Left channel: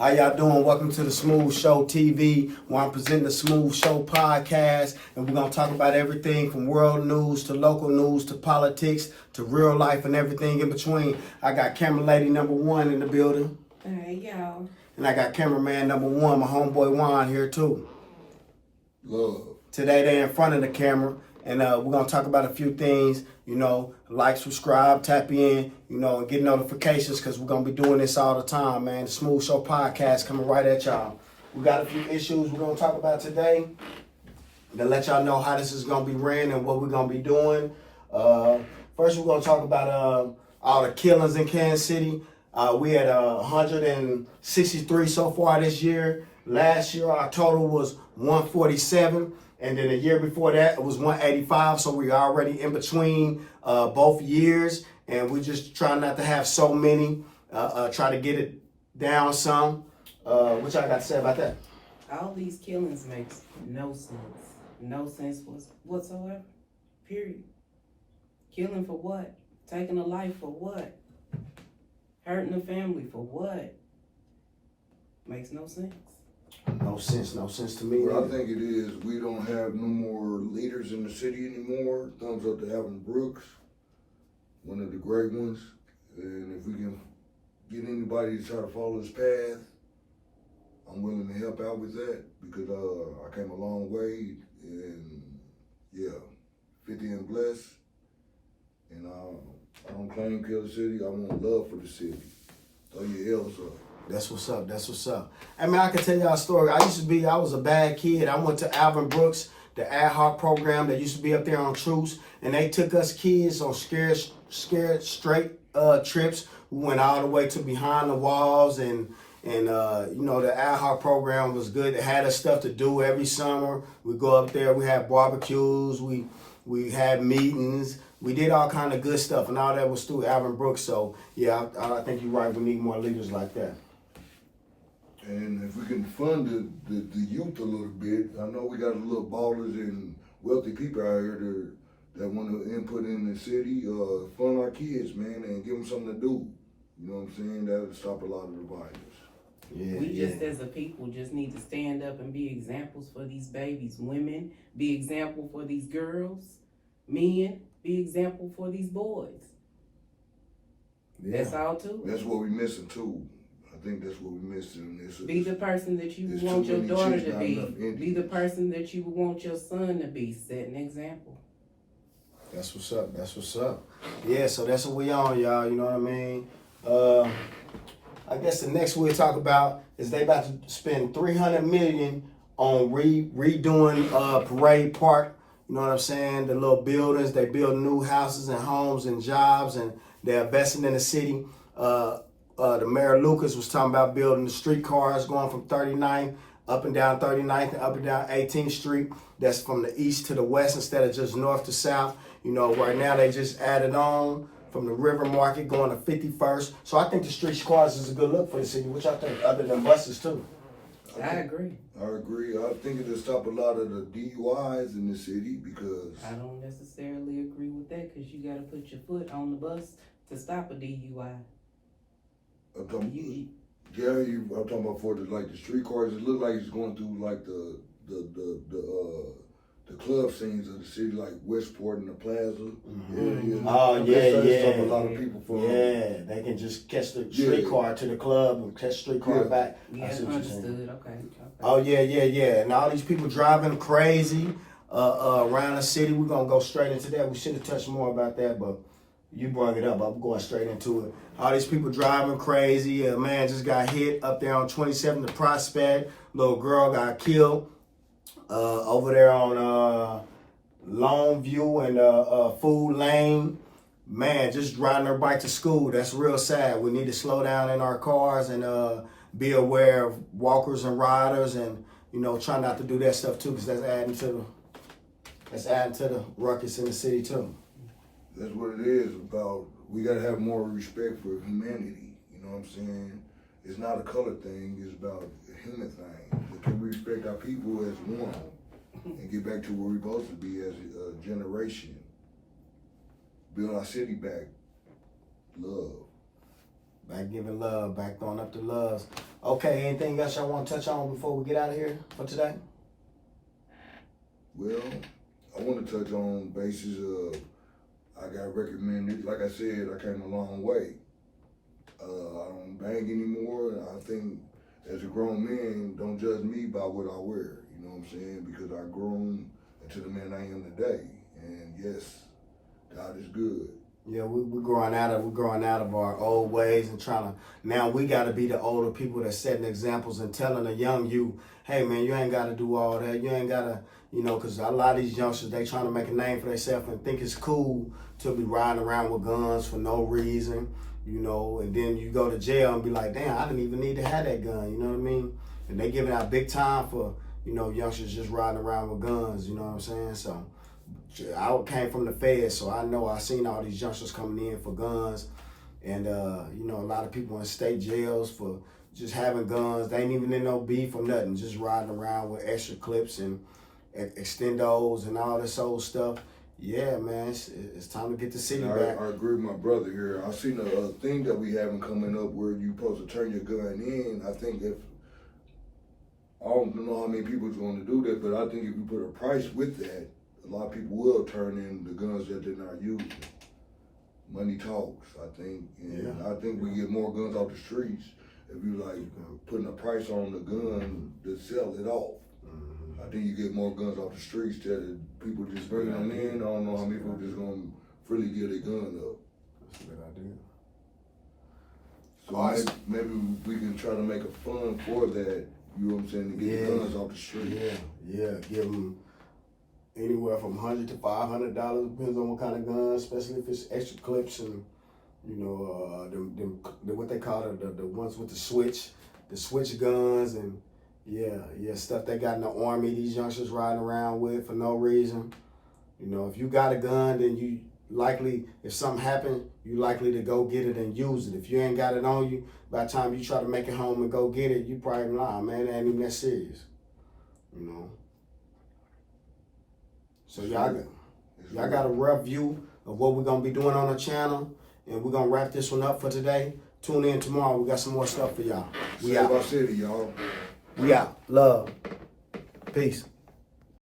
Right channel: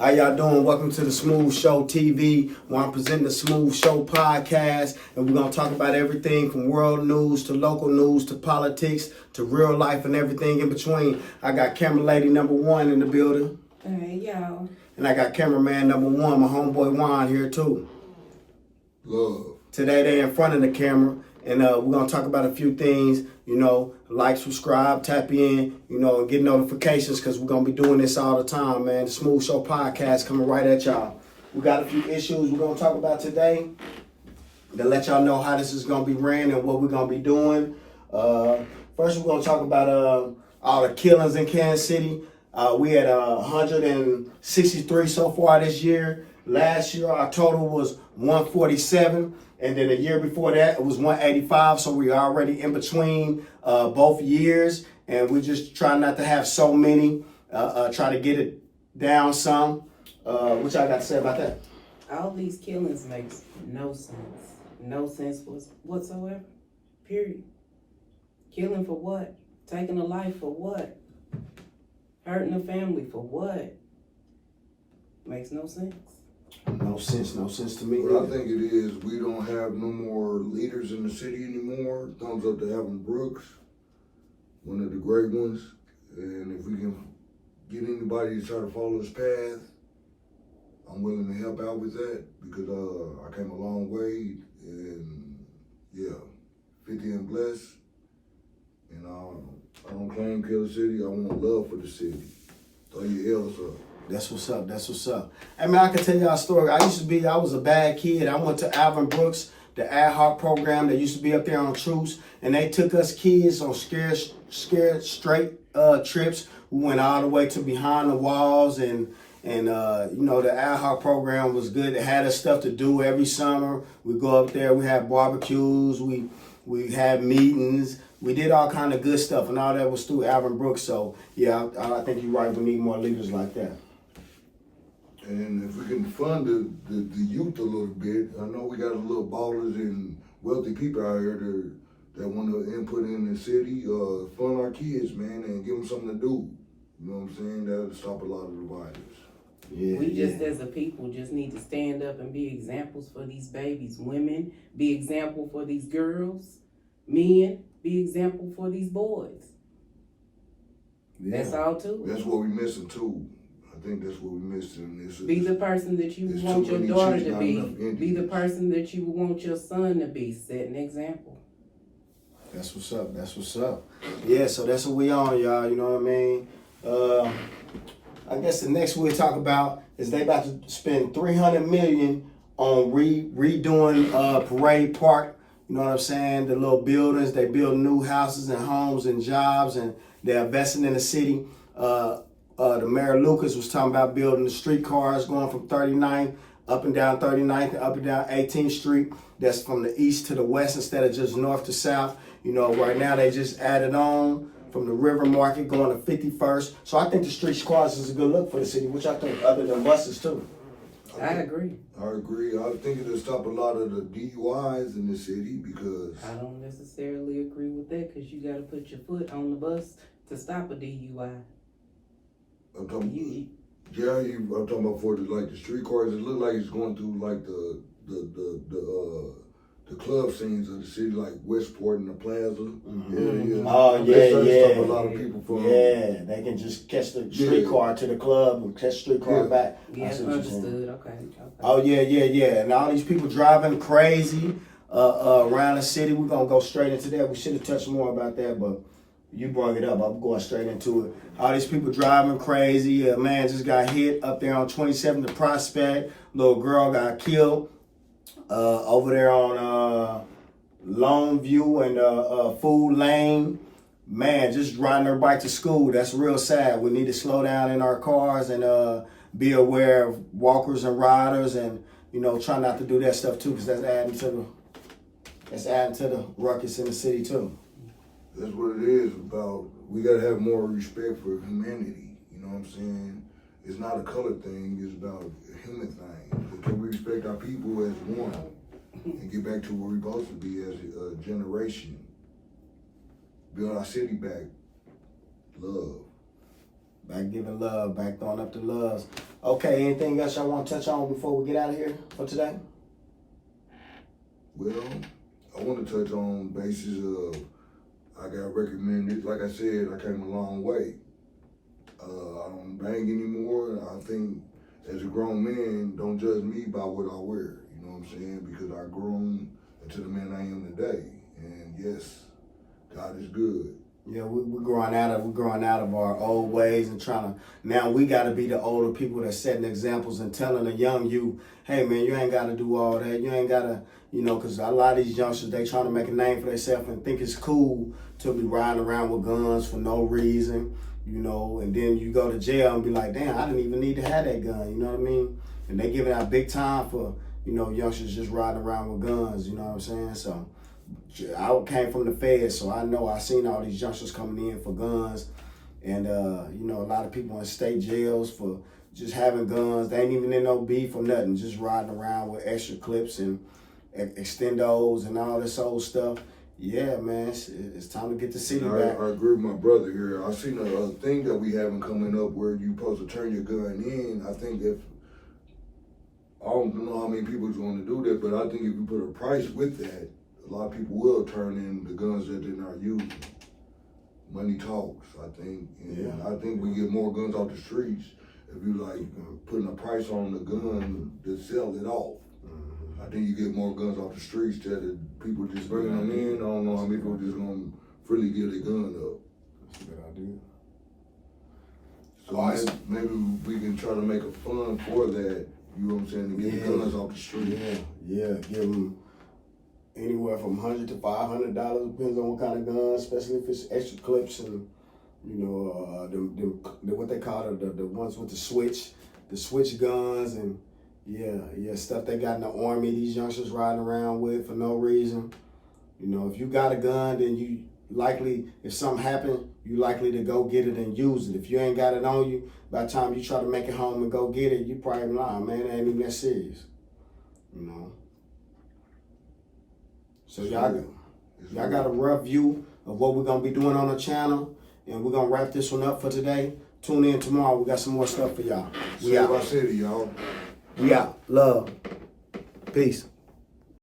How y'all doing? Welcome to the Smooth Show TV, where I'm presenting the Smooth Show podcast, and we're going to talk about everything from world news to local news to politics to real life and everything in between. I got camera lady number one in the building. Hey, y'all. And I got cameraman number one, my homeboy Juan, here too. Love. Today they're in front of the camera, and we're going to talk about a few things, like, subscribe, tap in, and get notifications, because we're going to be doing this all the time, man. The Smooth Show podcast coming right at y'all. We got a few issues we're going to talk about today to let y'all know how this is going to be ran and what we're going to be doing. First, we're going to talk about all the killings in Kansas City. We had 163 so far this year. Last year, our total was 147. And then the year before that, it was 185. So we're already in between both years. And we just try not to have so many. Try to get it down some. What y'all got to say about that? All these killings makes no sense. No sense whatsoever. Period. Killing for what? Taking a life for what? Hurting a family for what? Makes no sense. No sense to me. What I think it is, we don't have no more leaders in the city anymore. Thumbs up to Alvin Brooks, one of the great ones. And if we can get anybody to try to follow his path, I'm willing to help out with that because I came a long way. And yeah, 50 and blessed. And I don't claim kill the city. I want love for the city. Throw your L's up. That's what's up. Hey man, I can tell y'all a story. I was a bad kid. I went to Alvin Brooks, the ad hoc program that used to be up there on Truce, and they took us kids on scared straight trips. We went all the way to behind the walls, and the ad hoc program was good. It had us stuff to do every summer. We go up there, we had barbecues, we had meetings. We did all kind of good stuff, and all that was through Alvin Brooks. So yeah, I think you're right. We need more leaders like that. And if we can fund the youth a little bit, I know we got a little ballers and wealthy people out here that want to input in the city, fund our kids, man, and give them something to do. You know what I'm saying? That'll stop a lot of the violence. Yeah, We just as a people just need to stand up and be examples for these babies. Women, be example for these girls. Men, be example for these boys. Yeah. That's all too. That's what we're missing too. I think that's what we're missing. Be the person that you would want your daughter to be. Be the person that you would want your son to be. Set an example. That's what's up. Yeah, so that's what we on, y'all. You know what I mean? I guess the next we'll talk about is they about to spend $300 million on redoing Parade Park. You know what I'm saying? The little buildings, they build new houses and homes and jobs, and they're investing in the city. The Mayor Lucas was talking about building the streetcars going from 39th up and down 39th and up and down 18th Street. That's from the east to the west instead of just north to south. Right now they just added on from the River Market going to 51st. So I think the streetcars is a good look for the city, which I think other than buses too. I agree. I think it'll stop a lot of the DUIs in the city because I don't necessarily agree with that because you got to put your foot on the bus to stop a DUI. I'm talking about for the streetcars. It look like it's going through like the club scenes of the city, like Westport and the Plaza. Mm-hmm. Stop a lot of people from. Yeah, they can just catch the streetcar to the club and catch the streetcar back. Yeah, understood. Okay. Oh yeah. And all these people driving crazy around the city. We're gonna go straight into that. We should have touched more about that, but you brought it up. I'm going straight into it. All these people driving crazy. A man just got hit up there on 27 the Prospect. Little girl got killed over there on Longview and Food Lane. Man, just riding her bike to school. That's real sad. We need to slow down in our cars and be aware of walkers and riders, and try not to do that stuff too, because that's adding to the ruckus in the city too. That's what it is about. We gotta have more respect for humanity. You know what I'm saying? It's not a color thing. It's about a human thing. Can we respect our people as one and get back to where we're supposed to be as a generation? Build our city back. Love. Back giving love, back throwing up the loves. Okay, anything else y'all want to touch on before we get out of here for today? Well, I want to touch on basis of I got recommended. Like I said, I came a long way. I don't bang anymore. I think as a grown man, don't judge me by what I wear. You know what I'm saying? Because I grown into the man I am today. And yes, God is good. Yeah, we're growing out of our old ways and trying to, now we got to be the older people that's setting examples and telling the young you, hey man, you ain't got to do all that. You ain't got to, you know, because a lot of these youngsters, they trying to make a name for themselves and think it's cool to be riding around with guns for no reason, you know, and then you go to jail and be like, damn, I didn't even need to have that gun, you know what I mean? And they giving out big time for, you know, youngsters just riding around with guns, you know what I'm saying? So I came from the feds, so I know I seen all these youngsters coming in for guns, and you know, a lot of people in state jails for just having guns. They ain't even in no beef or nothing, just riding around with extra clips and extendos and all this old stuff. Yeah, man, it's time to get the city back. I agree with my brother here. I seen a thing that we having coming up where you supposed to turn your gun in. I think if I don't know how many people's going to do that, but I think if you put a price with that, a lot of people will turn in the guns that they're not using. Money talks, I think. And Yeah. I think we get more guns off the streets if you like putting a price on the gun to sell it off. I think you get more guns off the streets that people just bringing them in. I don't know how many people just gonna freely give their gun up. That's a good idea. So maybe we can try to make a fund for that. You know what I'm saying? To get the guns off the street. Yeah, give them anywhere from $100 to $500, depends on what kind of gun, especially if it's extra clips and, you know, the what they call the ones with the switch guns and yeah, stuff they got in the army, these youngsters riding around with for no reason. You know, if you got a gun, then you likely, if something happened, you likely to go get it and use it. If you ain't got it on you, by the time you try to make it home and go get it, you probably lie, man, it ain't even that serious. You know. So y'all got a rough view of what we're gonna be doing on the channel, and we're gonna wrap this one up for today. Tune in tomorrow. We got some more stuff for y'all. We out. City, y'all. We out. Love. Peace.